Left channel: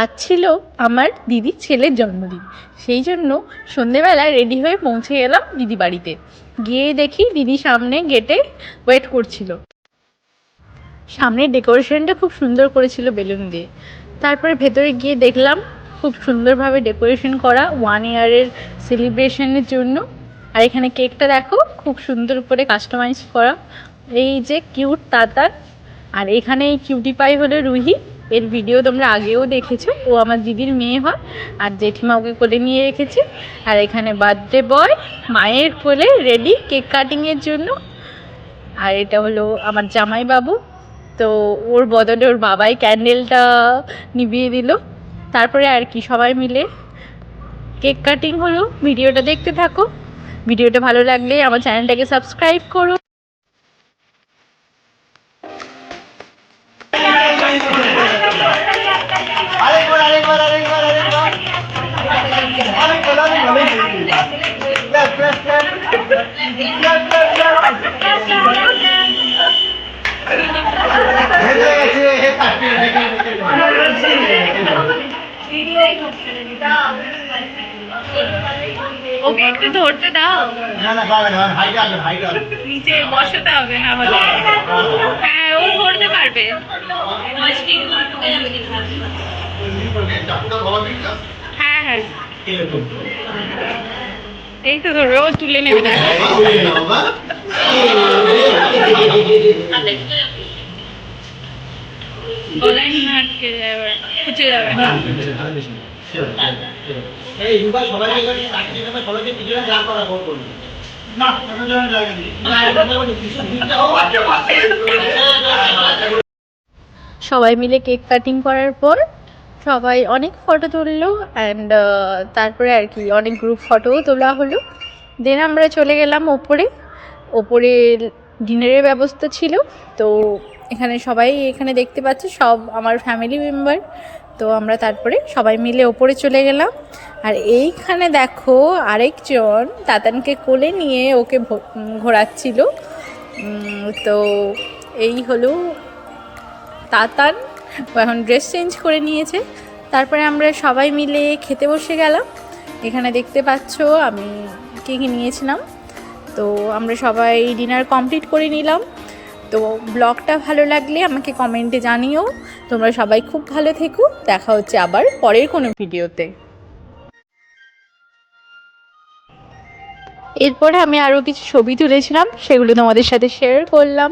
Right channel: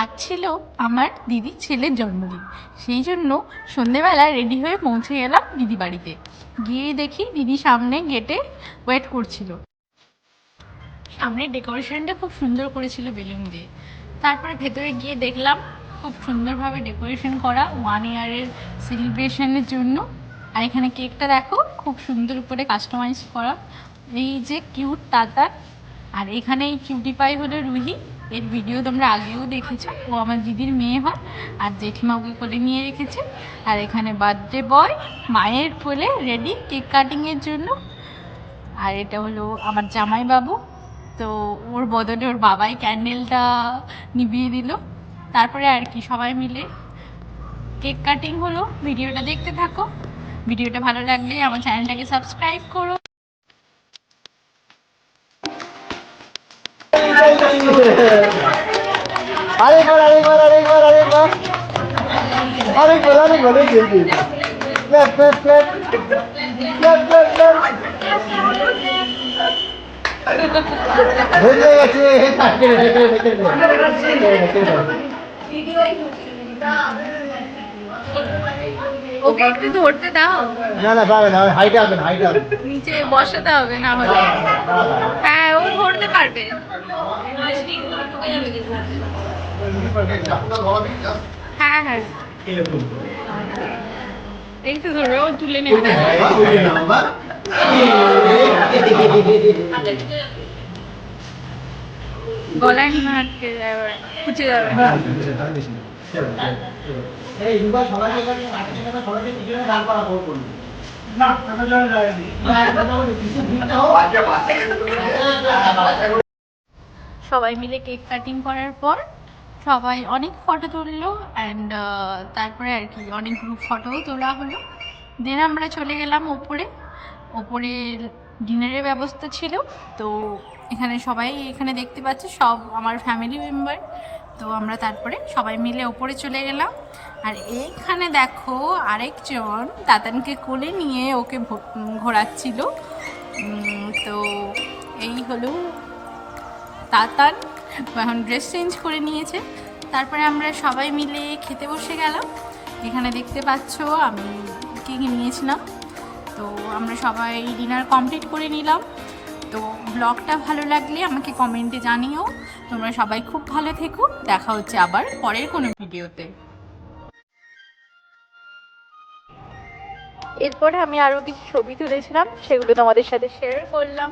আজ ছিল আমার দিদির ছেলের জন্মদিন, সেই জন্য সন্ধেবেলা রেডি হয়ে পৌঁছে গেলাম দিদি বাড়িতে। গিয়ে দেখি দিদি সামনে গেটে ওয়েট করছিল। সামনের ডেকোরেশনটা খুব সুন্দর করেছিল বেলুন দিয়ে। তারপরে ভেতরে গিয়ে দেখলাম খুব সুন্দরভাবে ডেকোরেশন করা 1 ইয়ারের সেলিব্রেশনের জন্য। আর এখানে কেকটা দেখো খুব সুন্দর করে কাস্টমাইজ করা। এই যে কিউট তাতার, আর এখানে এই কিউটি পাই হলো রুহি। এর ভিডিও তোমরা আগেও দেখেছো, ও আমার দিদির মেয়ে হয় আর জেঠিমা ওকে কোলে নিয়ে রেখেছে। আর এখানে বার্থডে বয় মায়ের কোলে রেডি কেক কাটিংয়ের জন্য। আর এটা হলো আমার জামাই বাবু, তো ওর বদলে ওর বাবাই ক্যান্ডেলটা নিভিয়ে দিল। তারপরে আর কি সবাই মিলে কেক কাটিং হলো। ভিডিওটা দেখতে থাকো, ভিডিওটা ভালো লাগলে আমার চ্যানেলটাকে সাবস্ক্রাইব করো। ওকে একটু ধরতে দাও, নিচে বসাতে হবে না হলে। হ্যাঁ, ও ধরতে পারবে। হ্যাঁ হ্যাঁ, এই তো ধরো, ও তুলে নেবে। গলায় না আটকে যাবে, খুঁজে যাবে। সবাই মিলে কেক কাটিং করার পর সবাই অনেক ফটো তুললো অ্যান্ড তারপরে আর কি অনেক গ্রুপ ফটোও তোলা হলো। দেন আমরা চলে গেলাম ওপরে। ওপরে ডিনারের ব্যবস্থা ছিল, তো এখানে সবাই এখানে দেখতে পাচ্ছে সব আমার ফ্যামিলি মেম্বার। তো আমরা তারপরে সবাই মিলে ওপরে চলে গেলাম। আর এইখানে দেখো আরেকজন তাতানকে কোলে নিয়ে ওকে ঘোরাচ্ছিল। তো এই হলো তাতান, এখন ড্রেস চেঞ্জ করে নিয়েছে। তারপরে আমরা সবাই মিলে খেতে বসে গেলাম। এখানে দেখতে পাচ্ছ আমি কী কী নিয়েছিলাম। তো আমরা সবাই ডিনার কমপ্লিট করে নিলাম। তো ব্লগটা ভালো লাগলে আমাকে কমেন্টে জানিও। তোমরা সবাই খুব ভালো থেকো, দেখা হচ্ছে আবার পরের কোনো ভিডিওতে। এরপরে আমি আরও কিছু ছবি তুলেছিলাম, সেগুলো তোমাদের সাথে শেয়ার করলাম।